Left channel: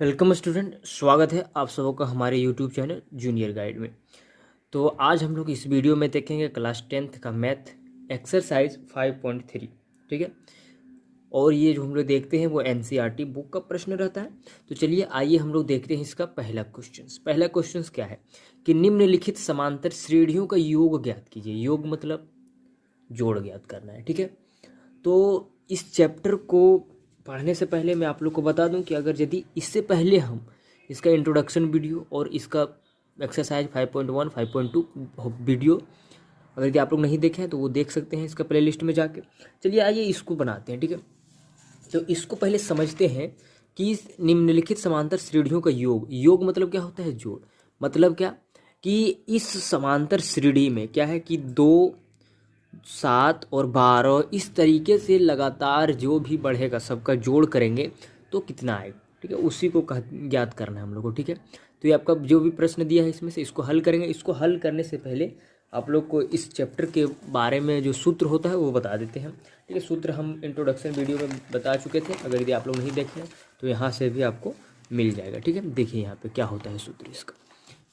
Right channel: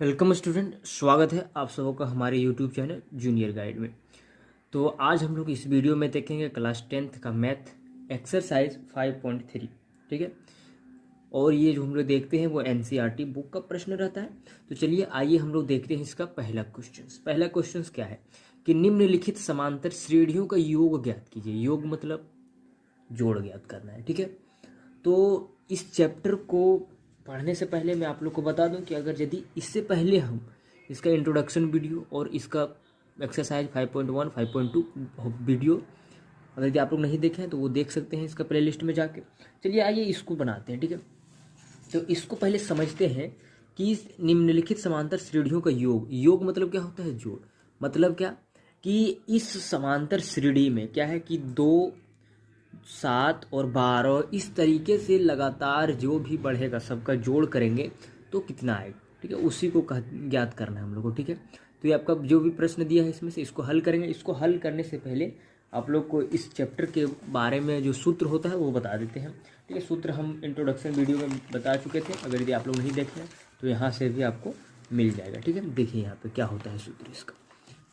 Welcome student, स्वागत है आप सबों का हमारे यूट्यूब चैनल जूनियर गाइड में। तो आज हम लोग इस वीडियो में देखेंगे क्लास 10th का मैथ एक्सरसाइज 5.3। ठीक है, और ये जो हम लोग देखते हैं वो एनसीईआरटी बुक का प्रश्न रहता है। तो चलिए आइए हम लोग देखते हैं इसका पहला क्वेश्चन क्या है कि निम्नलिखित समांतर श्रेणियों का योग ज्ञात कीजिए। योग मतलब जोड़ ज्ञात करना है। ठीक है, तो इस चैप्टर को पढ़ने से पहले मैं आप लोग को बता दूं कि अगर यदि इससे पहले हम इसका इंट्रोडक्शन वीडियो और इसका एक्सरसाइज 5.1 5.2 वीडियो अगर यदि आप लोग नहीं देखे हैं तो वो देख सकते हैं इसका प्लेलिस्ट में जाके। चलिए आइए इसको बनाते हैं। ठीक है, तो इसको पहले समझते हैं कि इस निम्नलिखित समांतर श्रेणियों का योग मतलब क्या होता है, जोड़। मतलब क्या कि इस समांतर श्रेणी में क्या है कि 2, 7 और 12 इस तरीके से लगातार जो भी बढ़ेगा सबका जोड़ करेंगे तो कितना आएगा। ठीक है, उसी को ज्ञात करना है हम लोग को। ठीक है, तो ये आपका जो भी प्रश्न दिया है इसमें से इसको हल करेंगे। इसको हल करने से पहले आप लोग को इस चैप्टर के बारे में जो सूत्र होता है वो बता देते हैं। ठीक है, सूत्र हम इंट्रोडक्शन वीडियो में बता चुके थे, अगर यदि आप लोग नहीं देखे हैं तो यहाँ से भी आपको मिल जाएगा। ठीक है, देखिए यहाँ पे क्या होता है सूत्र, इसका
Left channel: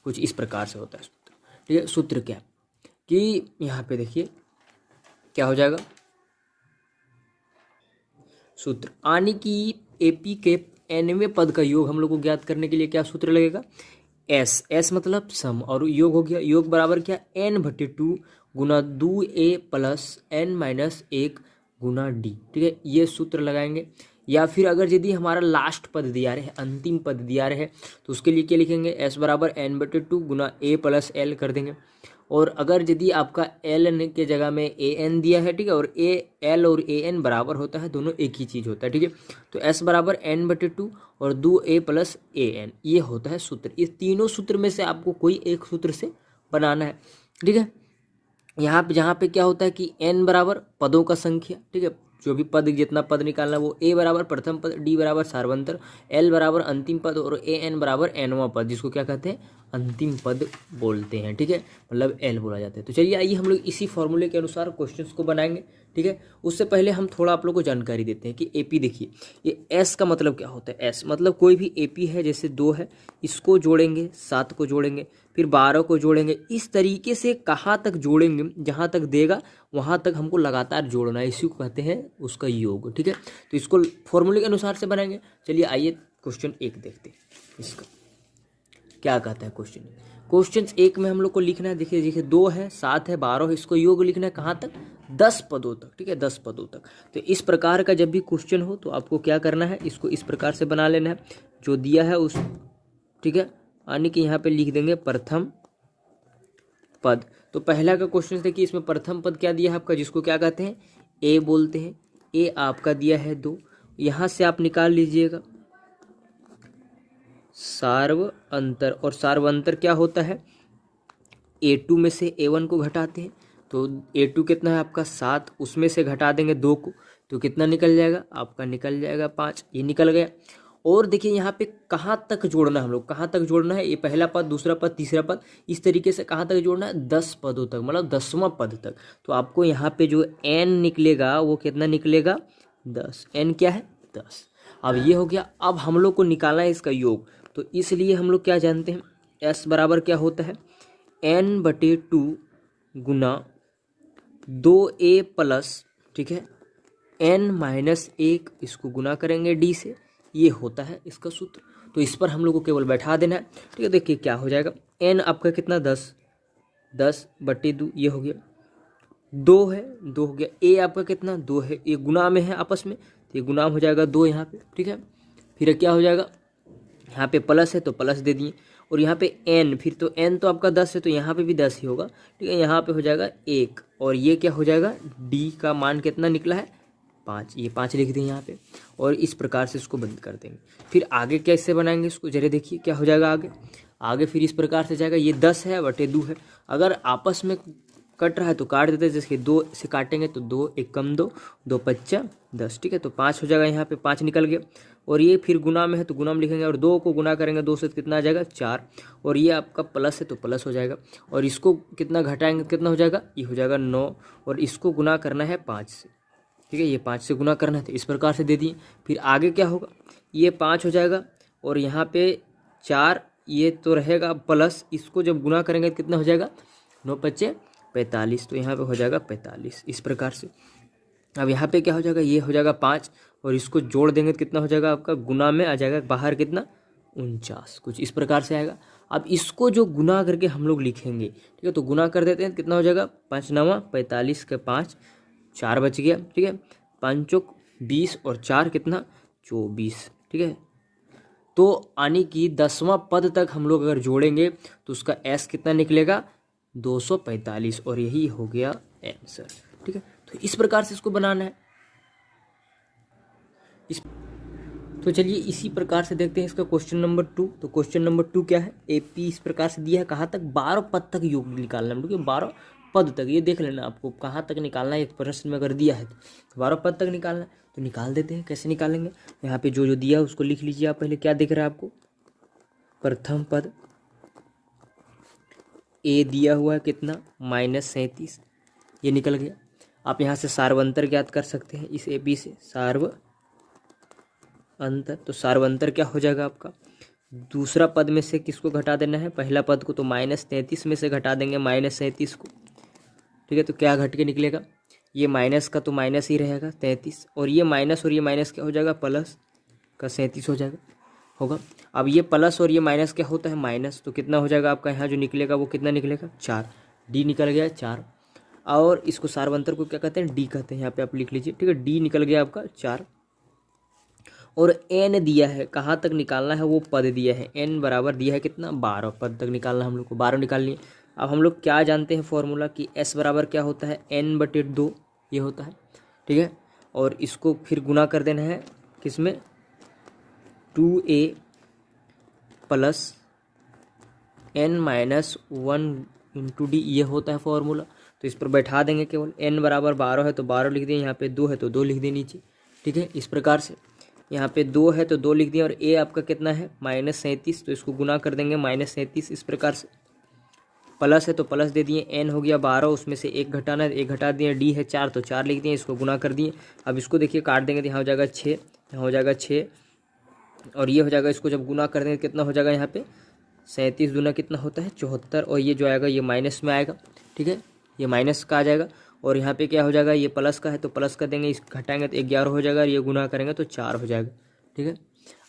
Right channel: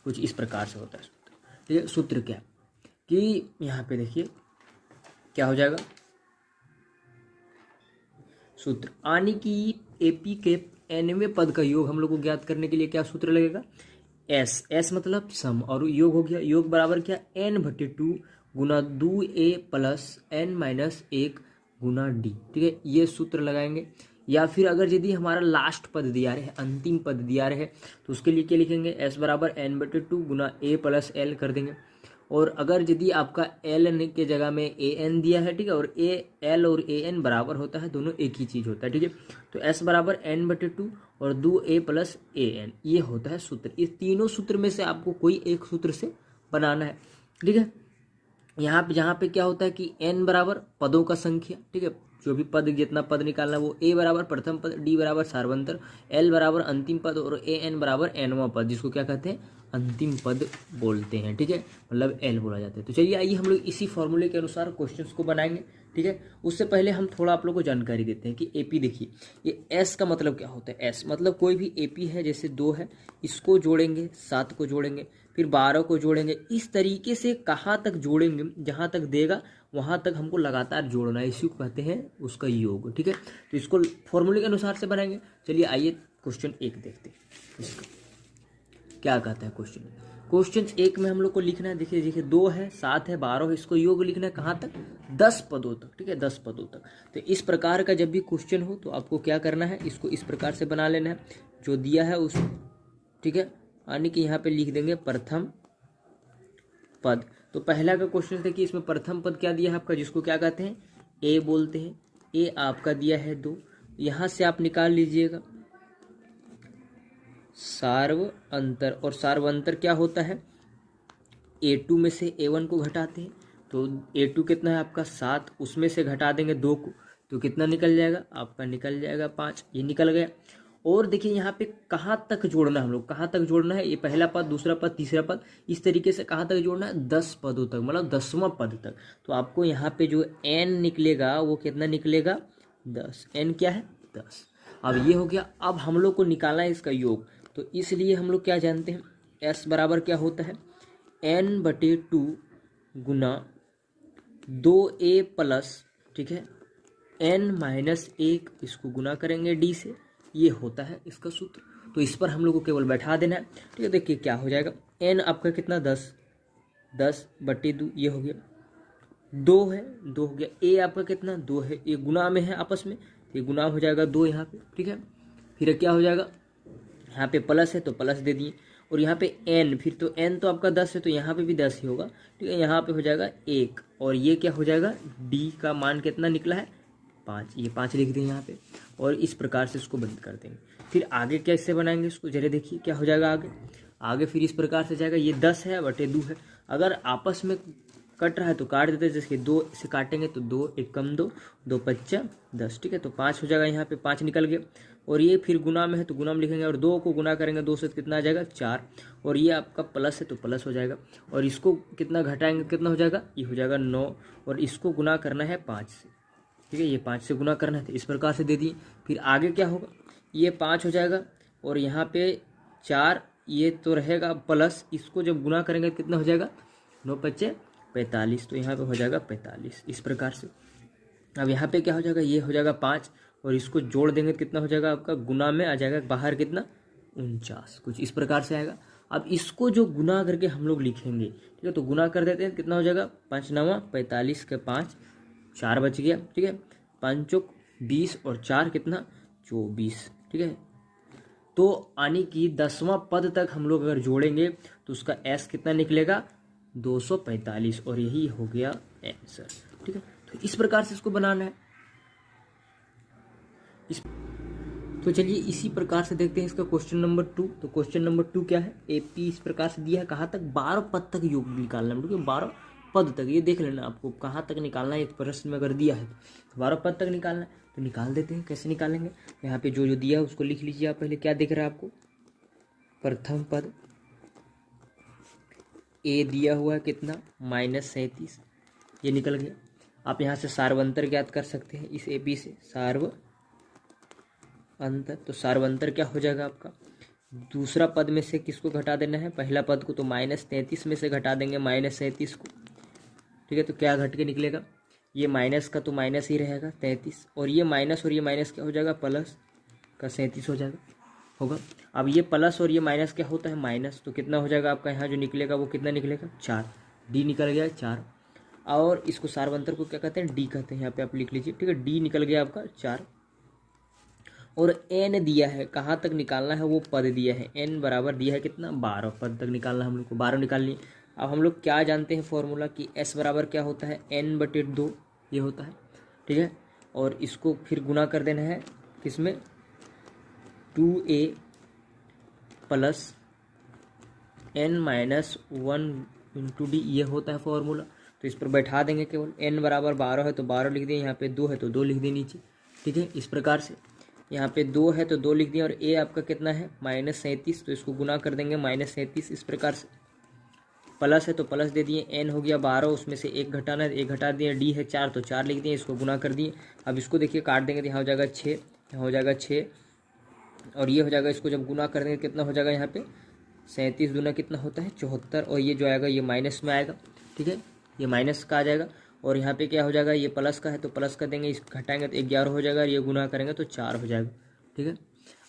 कुछ इस प्रकार से होता है सूत्र। ठीक है, सूत्र क्या कि यहाँ पे देखिए क्या हो जाएगा, सूत्र आने की एपी के nवें पद का योग हम लोग को ज्ञात करने के लिए क्या सूत्र लगेगा, एस मतलब सम, और योग हो गया, योग बराबर क्या n/2 गुना 2a प्लस n-1 गुना डी। ठीक है, ये सूत्र लगाएंगे। या फिर अगर यदि हमारा लास्ट पद दिया रहे, अंतिम पद दिया रहे, तो उसके लिए क्या लिखेंगे, s बराबर n/2 Guna a plus l कर देंगे। और अगर यदि आपका एल के जगह में ए एन दिया है, ठीक है, और ए एल और ए एन बराबर होता है, दोनों एक ही चीज़ होता है। ठीक है, तो एस बराबर n/2 और 2a प्लस ए एन, ये होता है सूत्र। इस तीनों सूत्र में से आपको कोई एक सूत्र से बनाना है। ठीक है, यहाँ पे जहाँ पे क्या होता है कि n बराबर पदों का संख्या, ठीक है, जो भी पद जितना पद निकालना वो a बराबर प्रथम पद, d बराबर सार्वंतर, l बराबर अंतिम पद और a n बराबर nवां पद, जिसको क्या कहते हैं, अंतिम पद बोलते हैं। ठीक है, मतलब l बोला जाता है। तो चलिए आइए हम लोग इसी फॉर्मूले के अनुसार क्वेश्चंस को बनाएंगे। ठीक है, उससे पहले हम थोड़ा आप लोग को जानकारी देते हैं कि एपी देखिए, ये एस का मतलब क्या होता है। एस मतलब कोई भी एपी है, जैसे 2 है, इसको जोड़ेंगे, 7 को जोड़ेंगे, फिर 12 को जोड़ेंगे, इस तरीके से कहाँ तक जोड़ेंगे, जहाँ तक देगा वहाँ तक हमको लगातार जोड़ना है, इसी को कहते हैं उसका योग। ठीक है, तो इसको फॉर्मूले के अनुसार से बनाएंगे। चलिए आइए क्वेश्चन 1 देखते हैं, इसको क्या कहता है क्वेश्चन 1 में हम लोग को लिखना है। देखिए 2 है, 7 है, 12 है, इसको योग लिखना है कहाँ तक, 10 पदों तक। ठीक है, 10 पदों तक। तो इस प्रकार का जब भी क्वेश्चन हो तो आपको क्या करना है, इसको इस प्रकार से बना लेना है जो दिया है उस। ठीक है, यानी कि यहाँ पे लिख देंगे प्रथम पद। तो पहला का क्वेश्चन देखिए, इसमें प्रथम पद क्या दिया है आपका, जिसको क्या कहते हैं, ए बोलते हैं। ए आपका दिया है 2, यहाँ से आप निकाल लीजिएगा सार्व अंतर, और सार्व अंतर क्या होता है, a2 में से a1 को घटाते हैं, तो a2 कितना है आपका 7, उसमें से घटा देंगे 2 को, तो कितना निकल जाएगा आपका, निकल जाएगा 5, ये निकल गया। और देखिए यहाँ पे कहाँ तक जोड़ना है, हम लोग कहाँ तक जोड़ना है, ये पहला पद, दूसरा पद, तीसरा पद, इस तरीके से कहाँ तक जोड़ना है, 10 पदों तक, मतलब 10वां पद तक। तो आपको यहाँ पे जो n निकलेगा वो कितना निकलेगा, 10। n क्या है, 10। अब ये हो गया। अब हम लोग को निकालना है इसका योग, तो इसलिए हम लोग क्या जानते हैं, s बराबर क्या होता है, n/2 गुना 2a प्लस, ठीक है, n-1, इसको गुना करेंगे d से, ये होता है इसका सूत्र। तो इस पर हम लोग को केवल बैठा देना है। ठीक है, देखिए क्या हो जाएगा, n आपका कितना 10/2, ये हो गया, 2 है, 2 हो गया, a आपका कितना 2 है, ये गुना में है आपस में, तो ये गुना हो जाएगा 2 यहाँ पे। ठीक है, फिर क्या हो जाएगा, यहाँ पे प्लस है तो प्लस दे दिए, और यहाँ पे n, फिर तो n तो आपका 10 है तो यहाँ पे भी 10 ही होगा। ठीक है, यहाँ पे हो जाएगा 1, और ये क्या हो जाएगा, d का मान कितना निकला है, 5, ये 5 लिख दें यहाँ पे, और इस प्रकार से इसको बंद कर देंगे। फिर आगे कैसे बनाएंगे इसको, जरा देखिए क्या हो जाएगा आगे फिर इस प्रकार से जाएगा, ये 10 है बटे 2 है, अगर आपस में कट रहा है तो काट देते हैं, जैसे 2 से काटेंगे तो 2 1 कम 2, 2 5 10। ठीक है, तो 5 हो जाएगा, यहाँ पे 5 निकल गया, और ये फिर गुना में है तो गुना में लिखेंगे, और 2 को गुना करेंगे 2 से तो कितना आ जाएगा 4, और ये आपका प्लस है तो प्लस हो जाएगा, और इसको कितना घटाएंगे कितना हो जाएगा, ये हो जाएगा 9, और इसको गुना करना है 5 से। ठीक है, ये 5 से गुना करना है तो इस प्रकार से दे दिए। फिर आगे क्या होगा, ये 5 हो जाएगा, और यहाँ पे 4 ये तो रहेगा प्लस, इसको जब गुना करेंगे तो कितना हो जाएगा, 9 पच्चे 45, तो यहाँ पे हो जाएगा 45 इस प्रकार से। अब यहाँ पे क्या हो जाएगा, ये हो जाएगा 5 और इसको जोड़ देंगे तो कितना हो जाएगा आपका, गुना में आ जाएगा बाहर कितना 49, कुछ इस प्रकार से आएगा। अब इसको जो गुना करके हम लोग लिखेंगे, ठीक है, तो गुना कर देते हैं, कितना हो जाएगा 5 9 45 के 5 4 बच गया, ठीक है, 5 चौक 20 और 4 कितना 24, ठीक है। तो यानी कि 10वां पद तक हम लोग अगर जोड़ेंगे तो उसका एस कितना निकलेगा 245 और यही हो गया आंसर, ठीक है। तो इस प्रकार से इसको बनाना है। तो चलिए इसी प्रकार से देखते हैं इसका क्वेश्चन नंबर 2। तो क्वेश्चन नंबर 2 क्या है, एपी इस प्रकार से दिया है, कहाँ तक 12 पद तक योग निकालना है, ठीक है, 12 पद तक, ये देख लेना आपको कहाँ तक निकालना है, एक प्रश्न में अगर दिया है तो 12 पद तक निकालना है। तो निकाल देते हैं, कैसे निकालेंगे, यहाँ पे जो जो दिया है उसको लिख लीजिए आप। पहले क्या दिख रहा है आपको, प्रथम पद ए दिया हुआ है कितना -37, ये निकल गया। आप यहाँ से सार्वंतर ज्ञात कर सकते हैं इस एपी से, सार्वंतर, तो सार्वंतर क्या हो जाएगा आपका, दूसरा पद में से किसको घटा देना है, पहला पद को, तो -33 में से घटा देंगे -37 को, ठीक है। तो क्या घट के निकलेगा, ये माइनस का तो माइनस ही रहेगा 33, और ये माइनस क्या हो जाएगा, प्लस का 37 हो जाएगा होगा। अब ये प्लस और ये माइनस क्या होता है, माइनस, तो कितना हो जाएगा आपका यहाँ जो निकलेगा वो कितना निकलेगा 4, डी निकल गया 4। और इसको सार्वंतर को क्या कहते हैं, डी कहते हैं, यहाँ पे आप लिख लीजिए, ठीक है, डी निकल गया आपका 4। और एन दिया है, कहाँ तक निकालना है, वो पद दिया है, एन बराबर दिया है कितना 12 पद तक निकालना है हम लोग को, 12 निकाल लिए। अब हम लोग क्या जानते हैं फॉर्मूला कि एस बराबर क्या होता है, n/2 ये होता है, ठीक है। और इसको फिर गुना कर देना है किसमें, 2a plus n-1 into D, ये होता है फॉर्मूला। तो इस पर बैठा देंगे, केवल n बराबर 12 है तो 12 लिख दिए, यहाँ पे 2 है तो 2 लिख दिए नीचे, ठीक है। इस प्रकार से यहाँ पे 2 है तो 2 लिख दिए, और a आपका कितना है -37, तो इसको गुना कर देंगे -37 इस प्रकार से। प्लस है तो प्लस दे दिए, n हो गया 12, उसमें से 1 घटाना है, 1 घटा दिए, d है 4 तो 4 लिख दिए, इसको गुना कर दिए। अब इसको देखिए काट देंगे तो यहाँ हो जाएगा 6, यहाँ हो जाएगा 6, और ये हो जाएगा, इसको जब गुना कर देंगे कितना हो जाएगा, यहाँ पे 37 दूना कितना होता है 74, और ये जो आएगा ये माइनस में आएगा, ठीक है, ये माइनस का आ जाएगा। और यहाँ पे क्या हो जाएगा, ये प्लस का है तो प्लस कर देंगे, इस घटाएंगे तो 11 हो जाएगा, और ये गुना करेंगे तो 4 हो जाएगा, ठीक है।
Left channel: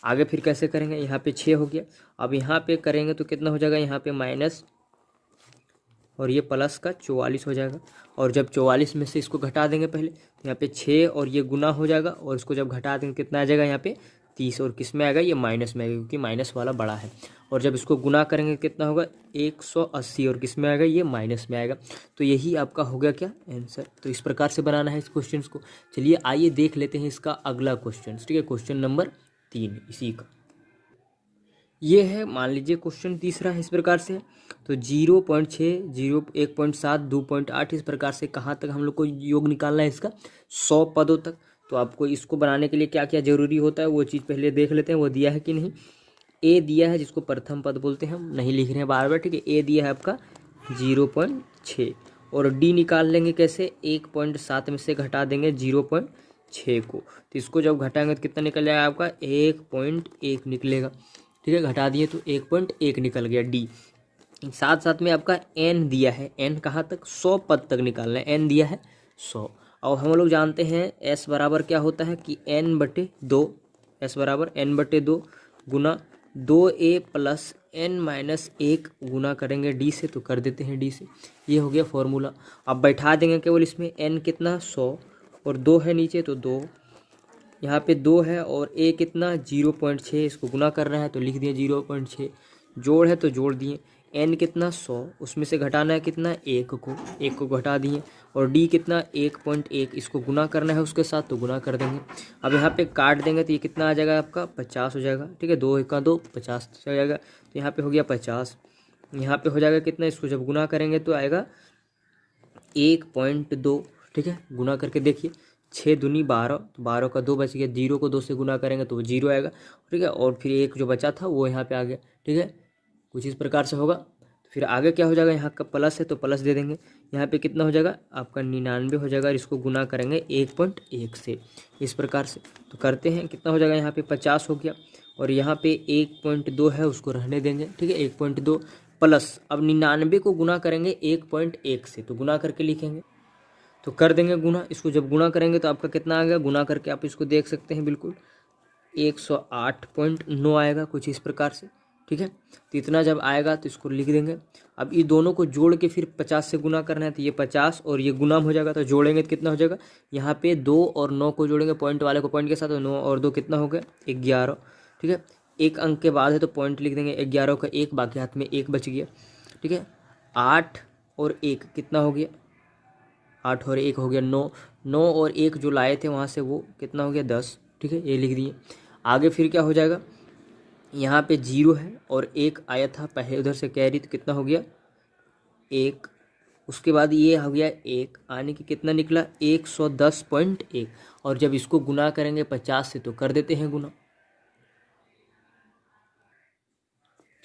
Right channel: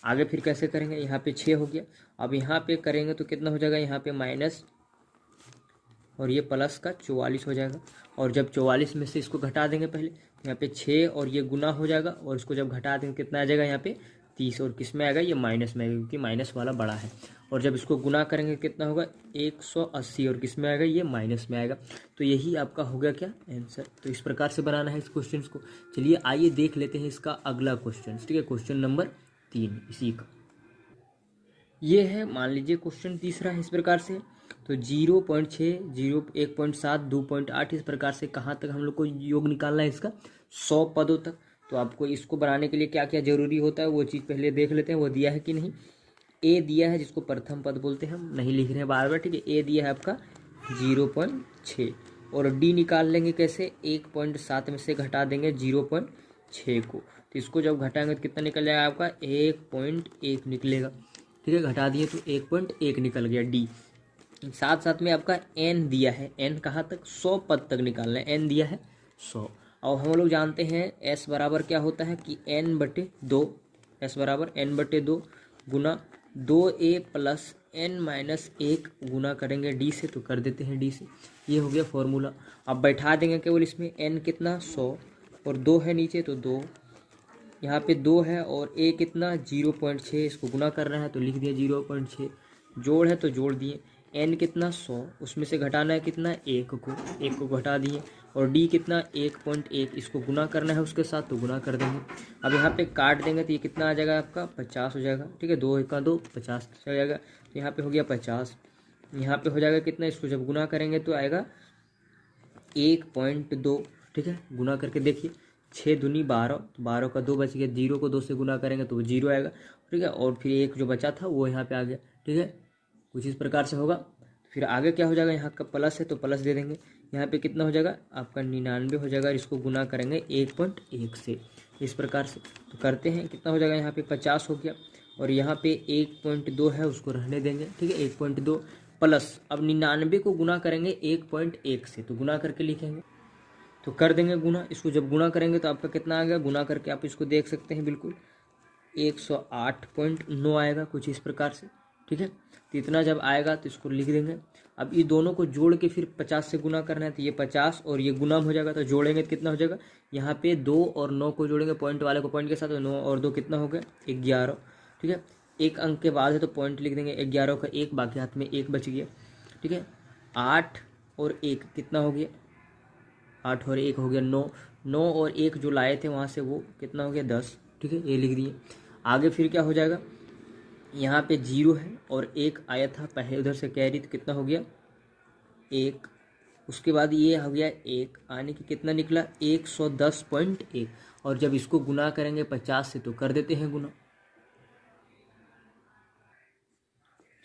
आगे फिर कैसे करेंगे, यहाँ पे 6 हो गया, अब यहाँ पे करेंगे तो कितना हो जाएगा, यहाँ पे माइनस और ये प्लस का 44 हो जाएगा। और जब 44 में से इसको घटा देंगे पहले, तो यहाँ पे 6 और ये गुना हो जाएगा, और इसको जब घटा देंगे कितना आ जाएगा, यहाँ पे 30, और किस में आएगा, ये माइनस में आएगा क्योंकि माइनस वाला बड़ा है। और जब इसको गुना करेंगे कितना होगा 180, और किस में आएगा, ये माइनस में आएगा। तो यही आपका हो गया क्या आंसर। तो इस प्रकार से बनाना है इस क्वेश्चन को। चलिए आइए देख लेते हैं इसका अगला क्वेश्चन, ठीक है, क्वेश्चन नंबर 3 इसी का ये है। मान लीजिए क्वेश्चन तीसरा है इस प्रकार से, तो 0.6, 1.7, 2.8 इस प्रकार से कहाँ तक हम लोग को योग निकालना है इसका 100 पदों तक। तो आपको इसको बनाने के लिए क्या क्या जरूरी होता है वो चीज़ पहले देख लेते हैं, वो दिया है कि नहीं। ए दिया है जिसको प्रथम पद बोलते हैं, हम नहीं लिख रहे हैं बार बार, ठीक है। ए दिया है आपका 0.6, और डी निकाल लेंगे कैसे, 1.7 में से घटा देंगे 0.6 को, तो इसको जब घटाएंगे तो कितना निकल जाएगा आपका 1.1 निकलेगा, ठीक है। घटा दिए तो 1.1 निकल गया डी। साथ साथ में आपका एन दिया है, एन कहाँ तक 100 पद तक निकालना है, एन दिया है 100। और हम लोग जानते हैं एस बराबर क्या होता है कि n/2, एस बराबर n/2 गुना 2a प्लस n-1 गुना करेंगे डी से, तो कर देते हैं डी से, ये हो गया फॉर्मूला। अब बैठा देंगे केवल इसमें n कितना 100 और 2 है नीचे तो 2, यहाँ पे 2 है, और a कितना 0.6, इसको गुना करना है तो लिख दिया 0.6, जोड़ है तो जोड़ दिए, n कितना 100, उसमें से घटाना है कितना 1 को घटा दिए, और d कितना 1.1, इसको गुना करना है उसके साथ तो गुना कर देंगे। अब यहाँ पे काट देंगे तो ये कितना आ जाएगा आपका 50 हो जाएगा, ठीक है, 2 1 2 50 हो जाएगा, तो यहाँ पे हो गया 50। यहाँ पे हो जाएगा कितना, इसको जब गुना करेंगे तो आएगा 1.2, ठीक है। गुना करके देखिए 6 दूनी 12, 12 का 2 बच गया, 0 को 2 से गुना करेंगे तो वो 0 आएगा, ठीक है। और फिर 1 जो बचा था वो यहाँ पे आ गया, ठीक है, कुछ इस प्रकार से होगा। फिर आगे क्या हो जाएगा, यहाँ का प्लस है तो प्लस दे देंगे, यहाँ पे कितना हो जाएगा आपका 99 हो जाएगा, और इसको गुना करेंगे 1.1 से, इस प्रकार से। तो करते हैं कितना हो जाएगा, यहाँ पे 50 हो गया, और यहाँ पे 1.2 है उसको रहने देंगे, ठीक है। 1.2 प्लस, अब 99 को गुना करेंगे 1.1 से, तो गुना करके लिखेंगे, तो कर देंगे गुना। इसको जब गुना करेंगे तो आपका कितना आ गया, गुना करके आप इसको देख सकते हैं बिल्कुल 108.9 आएगा कुछ इस प्रकार से, ठीक है। तो इतना जब आएगा तो इसको लिख देंगे। अब ये दोनों को जोड़ के फिर 50 से गुना करना है, तो ये 50 और ये गुना हो जाएगा, तो जोड़ेंगे तो कितना हो जाएगा, यहाँ पे 2 और 9 को जोड़ेंगे पॉइंट वाले को पॉइंट के साथ, तो 9 और 2 कितना हो गया 11, ठीक है। एक अंक के बाद है तो पॉइंट लिख देंगे, 11 का 1, बाकी हाथ में 1 बच गया, ठीक है। 8 और 1 कितना हो गया, 8 और 1 हो गया 9, 9 और 1 जो लाए थे वहाँ से वो कितना हो गया 10, ठीक है। ये लिख दिए। आगे फिर क्या हो जाएगा, यहाँ पे 0 है और 1 आया था पहले उधर से कैरी, तो कितना हो गया 1, उसके बाद ये हो गया 1 आने की कितना निकला 110.1, और जब इसको गुना करेंगे 50 से तो कर देते हैं गुना,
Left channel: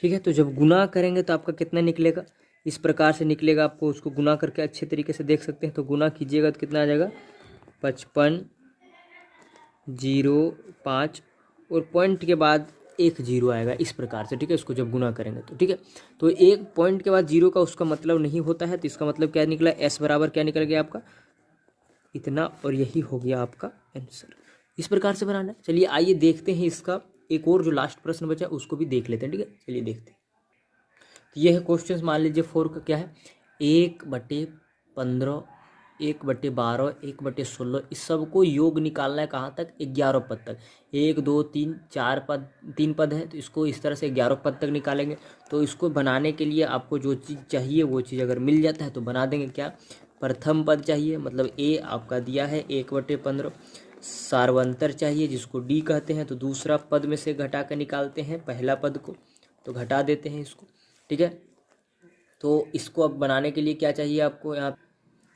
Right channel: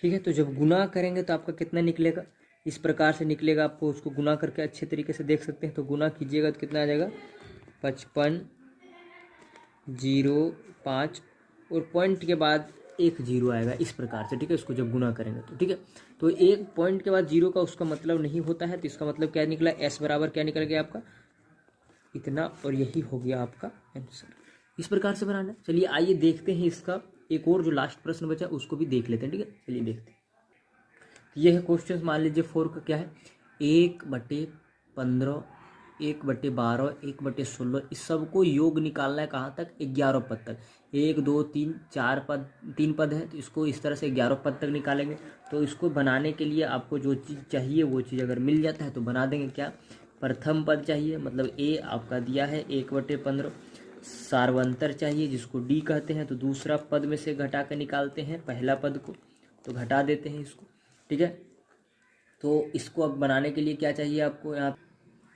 ठीक है। तो जब गुना करेंगे तो आपका कितना निकलेगा, इस प्रकार से निकलेगा। आपको उसको गुना करके अच्छे तरीके से देख सकते हैं, तो गुना कीजिएगा तो कितना आ जाएगा 55.05 और पॉइंट के बाद 1 0 आएगा इस प्रकार से, ठीक है। इसको जब गुना करेंगे तो, ठीक है। तो एक पॉइंट के बाद 0 का उसका मतलब नहीं होता है, तो इसका मतलब क्या निकला, S बराबर क्या निकल गया आपका इतना, और यही हो गया आपका आंसर। इस प्रकार से बनाना है। चलिए आइए देखते हैं इसका एक और जो लास्ट प्रश्न बचा उसको भी देख लेते हैं, ठीक है। चलिए देखते हैं। तो यह है क्वेश्चन, मान लीजिए 4 का क्या है, 1/15, 1/12, 1/16, इस सबको योग निकालना है कहाँ तक, 11 पद तक। 1 2 3 4 पद, 3 पद है, तो इसको इस तरह से 11 पद तक निकालेंगे। तो इसको बनाने के लिए आपको जो चीज़ चाहिए वो चीज़ अगर मिल जाता है तो बना देंगे। क्या, प्रथम पद चाहिए, मतलब ए आपका दिया है 1/15, सार्वंतर चाहिए जिसको डी कहते हैं, तो दूसरा पद में से घटा कर निकालते हैं पहला पद को, तो घटा देते हैं इसको, ठीक है। तो इसको अब बनाने के लिए क्या चाहिए आपको, यहाँ तो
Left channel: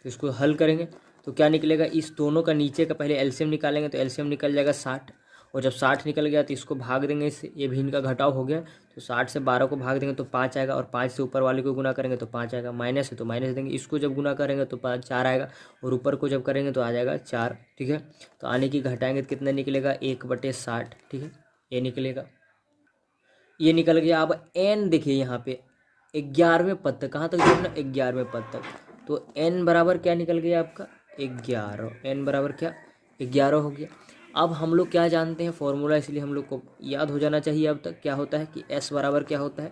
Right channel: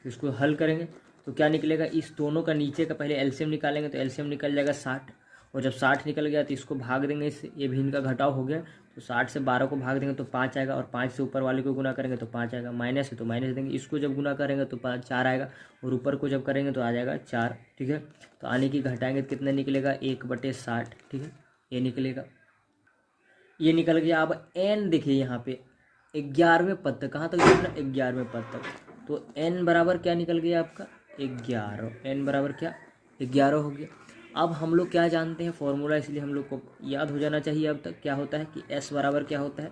इसको हल करेंगे तो क्या निकलेगा, इस दोनों का नीचे का पहले एलसीएम निकालेंगे, तो एलसीएम निकल जाएगा 60, और जब 60 निकल गया तो इसको भाग देंगे इससे, ये भी इनका घटाव हो गया, तो 60 से 12 को भाग देंगे तो 5 आएगा, और 5 से ऊपर वाले को गुना करेंगे तो 5 आएगा, माइनस है तो माइनस देंगे, इसको जब गुना करेंगे तो 4 आएगा, और ऊपर को जब करेंगे तो आ जाएगा 4, ठीक है। तो आने की घटाएंगे तो कितना निकलेगा 1/60, ठीक है, ये निकलेगा, ये निकल गया। अब एन देखिए यहाँ पे 11वें पद तक, कहाँ तक देखना 11वें पद तक, तो एन बराबर क्या निकल गया आपका 11, एन बराबर क्या 11 हो गया। अब हम लोग क्या जानते हैं फॉर्मूला, इसलिए हम लोग को याद हो जाना चाहिए अब तक, क्या होता है कि एस बराबर क्या होता है,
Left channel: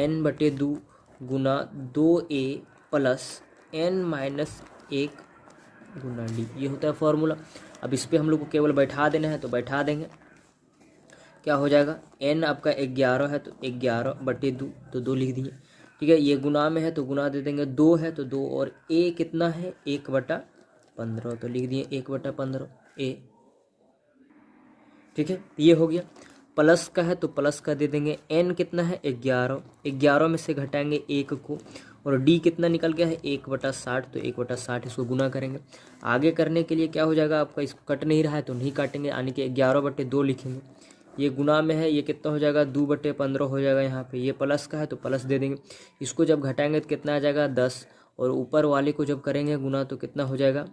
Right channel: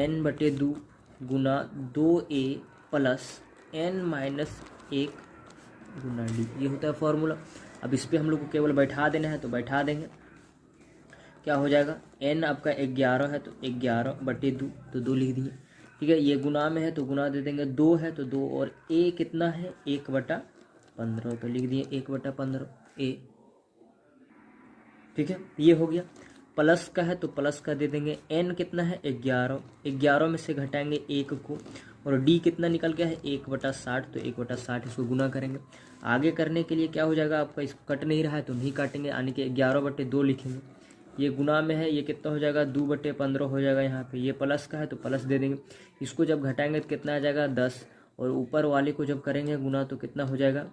n/2 गुना 2a प्लस n-1 गुना डी, ये होता है फॉर्मूला। अब इस पर हम लोग को केवल बैठा देना है, तो बैठा देंगे, क्या हो जाएगा, n आपका 11 है तो 11/2, तो 2 लिख दिए, ठीक है। ये गुना में है तो गुना दे देंगे, 2 है तो 2, और a कितना है 1/15, तो लिख दिए 1/15 a, ठीक है। ये हो गया। प्लस का है तो प्लस का दे देंगे, n कितना है 11, 11 में से घटाएंगे 1 को, और d कितना निकल गया है 1/60, तो 1/60 इसको गुना करेंगे। आगे करने के लिए क्या हो जाएगा आपका, इसको कट नहीं रहा है तो नहीं काटेंगे, यानी कि 11/2 लिखेंगे, ये गुना में है, ये कितना हो जाएगा 2/15 हो जाएगा। यहाँ पे ये प्लस का है तो प्लस दे देंगे, इसको जब घटाएंगे तो कितना आ जाएगा 10, और ऊपर वाले को जब करेंगे गुना तो कितना हो जाएगा,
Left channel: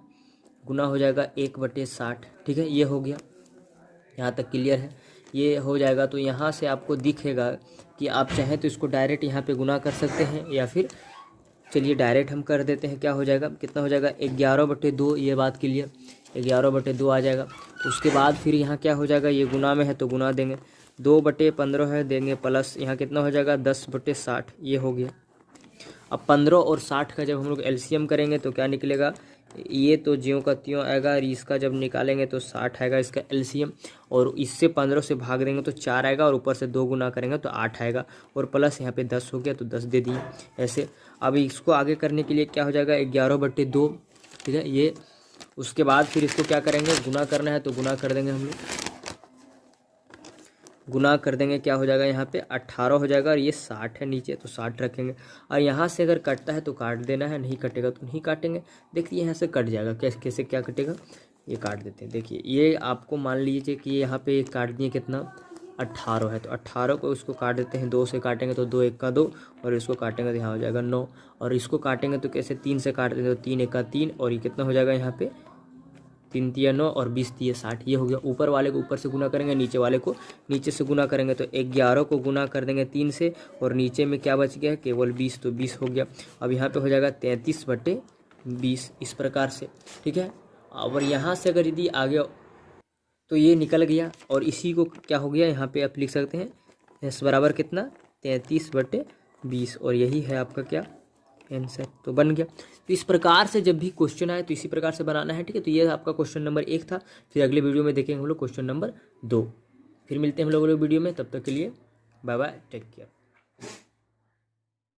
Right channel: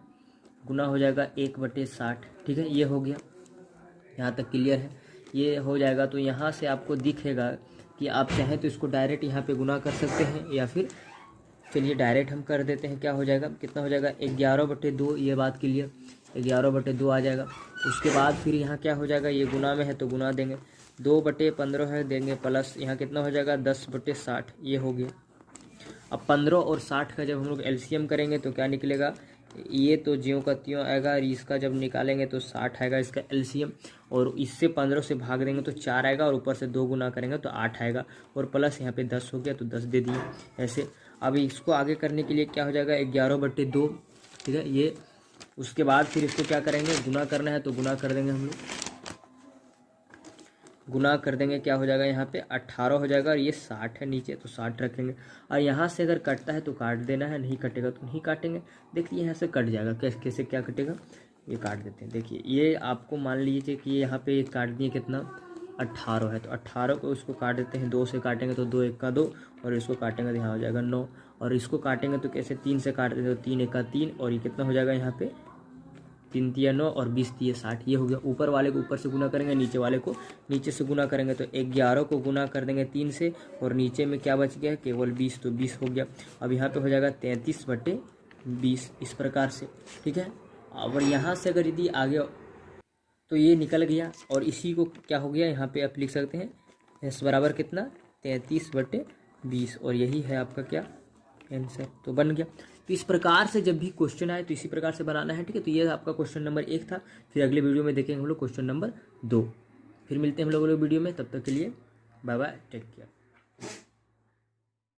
गुना हो जाएगा 1/60, ठीक है। ये हो गया, यहाँ तक क्लियर है, ये हो जाएगा। तो यहाँ से आपको दिखेगा कि आप चाहें तो इसको डायरेक्ट यहाँ पे गुना कर सकते हैं, या फिर चलिए डायरेक्ट हम कर देते हैं, क्या हो जाएगा, कितना हो जाएगा 11/2, ये बात क्लियर, 11/2 आ जाएगा। उसके बाद फिर यहाँ क्या हो जाएगा, ये गुना में है तो गुना देंगे, 2/15 है देंगे प्लस, यहाँ कितना हो जाएगा 10/60, ये हो गया। अब 15 और 60 का जब हम लोग एलसीएम करेंगे तो क्या निकलेगा, ये तो ज्यों का त्यों आएगा, और इसका जब निकालेंगे तो 60 आएगा इसका एलसीएम, और इससे 15 से भाग देंगे तो 4 आएगा, और ऊपर से 2 गुना करेंगे तो 8 आएगा, और प्लस यहाँ पे 10 हो गया तो 10 दे दिए ऐसे। अब इसको आगे करने के लिए क्या हो जाएगा 11/2, ठीक है। ये उसके बाद फिर इसको क्या करेंगे, गुना करना है तो गुना कर देंगे हम लोग, गुना कर देंगे, क्या हो जाएगा यहाँ पे 18 हो जाएगा, और ये 60 है नीचे तो 60 रखेंगे, और यहाँ से अगर कटता है तो काट देना है, नहीं कटेगा तो नहीं काटेंगे। देखिए यहाँ से कट जाएगा, कैसे कैसे क्या कटेगा, ये काट देते हैं। देखिए ये आपको मान लीजिए कि यहाँ पे काट दिए कितना 18 है, तो 18 को इसको काट देते हैं, 2 से काटेंगे तो 2 1 का 2, और इसको काटेंगे तो यहाँ हो जाएगा 9, और इसको काटेंगे तो कैसे 3 से काट देंगे तो 3 1 का 3, और ये कितना हो जाएगा यहाँ पे 3 तिया 9 और 20 तिया 60, ये हो गया। ऊपर वाले को ऊपर से गुना करेंगे, नीचे वाले को नीचे से गुना करेंगे, तो 11 को गुना कर देंगे 3 से, और नीचे में क्या बच गया, केवल 20, तो 20 हो गया। अब यहाँ पे हो जाएगा 33/20 इस प्रकार से, ठीक है। और यहाँ से अगर यदि आगे तो ये निकल गया, और इसी को क्या हो गया यहाँ पे आप लिख सकते हैं एस बराबर कितना, 33/20, और यही है आपका क्या आंसर, तो बन गया। तो इस प्रकार से जब भी क्वेश्चन आए तो इसी प्रकार से बनाना है, ठीक है। तो ये आपका क्वेश्चन नंबर 1 था। फिर अगले वीडियो में देखेंगे हम लोग क्वेश्चन नंबर 2। फिर मिलते हैं हम लोग वीडियो में, तब तक के लिए बाय बाय, टेक केयर।